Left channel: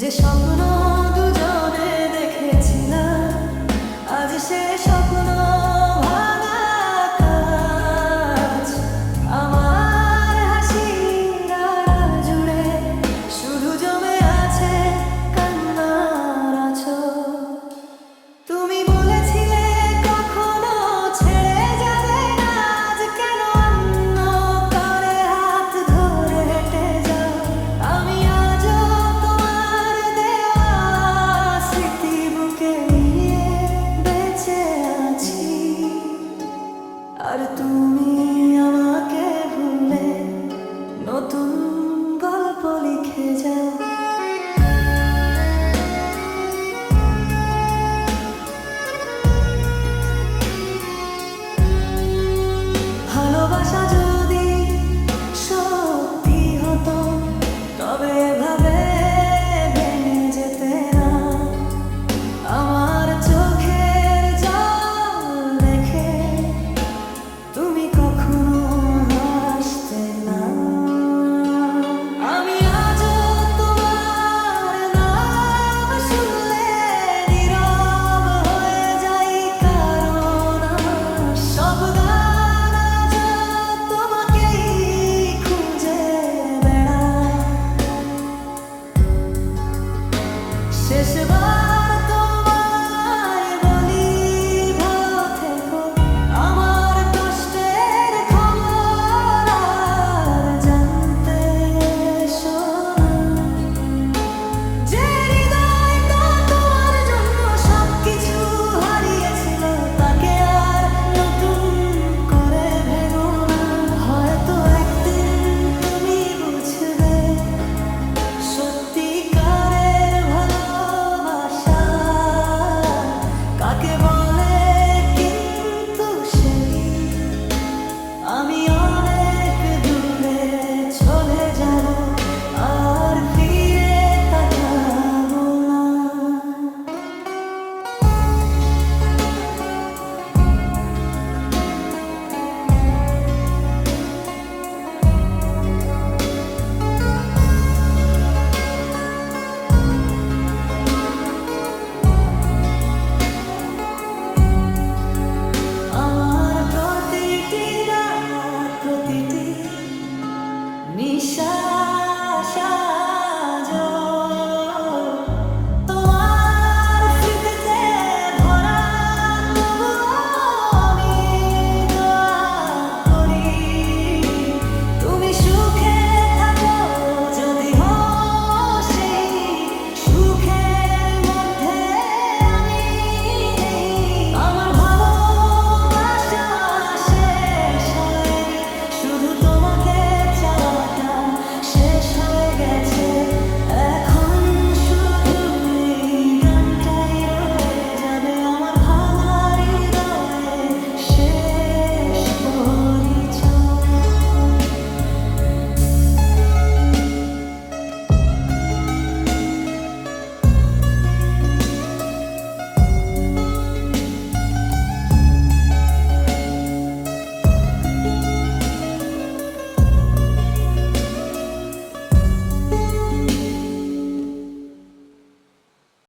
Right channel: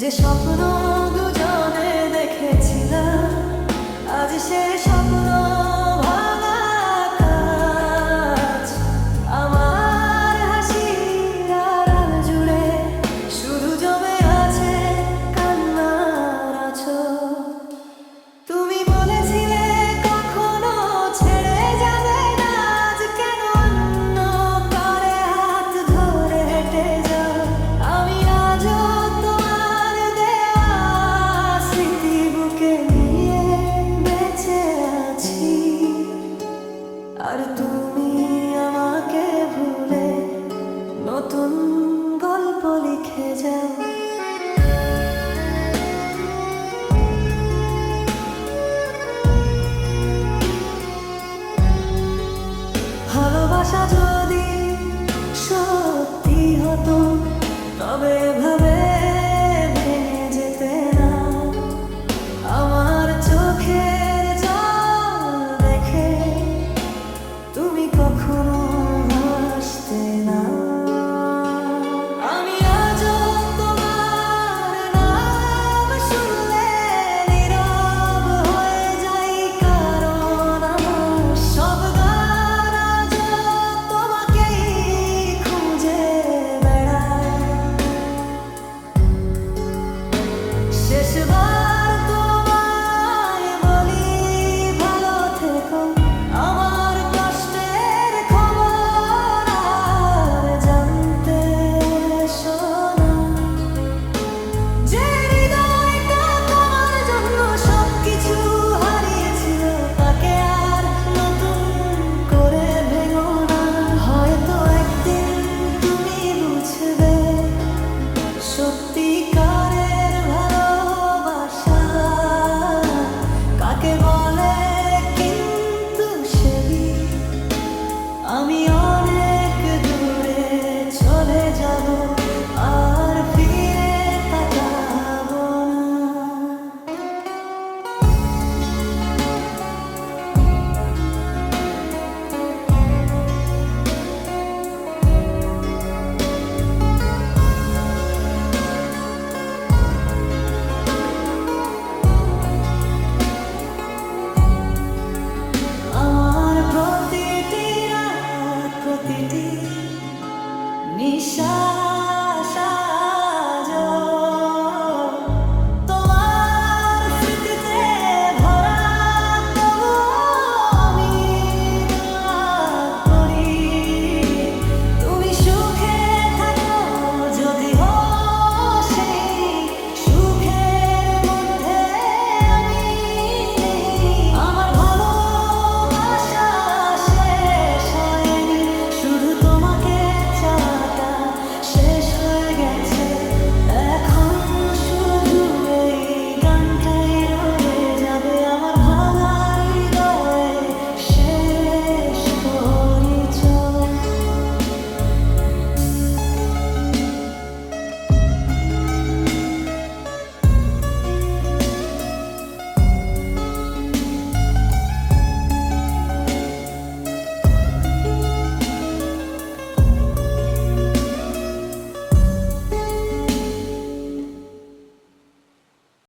যে স্বপ্ন দুজনে দেখেছিলাম, আজ সে স্বপ্ন ভাঙা কাজ। আমার হাসির আড়াল জুড়ে শুধু জমে আছে কান্নার আঁচল। তুমি বলেছিলে কখনো ছেড়ে যাবে না, আজ কেন অন্য কারে হাত ধরে হেঁটে যাও। আমি আজও তোমার দেওয়া স্মৃতি বুকে নিয়ে বেঁচে আছি, আর তুমি আমাকে ভুলে নতুন গল্প লিখে যাও। ভালোবাসা যদি সত্যি হতো, তবে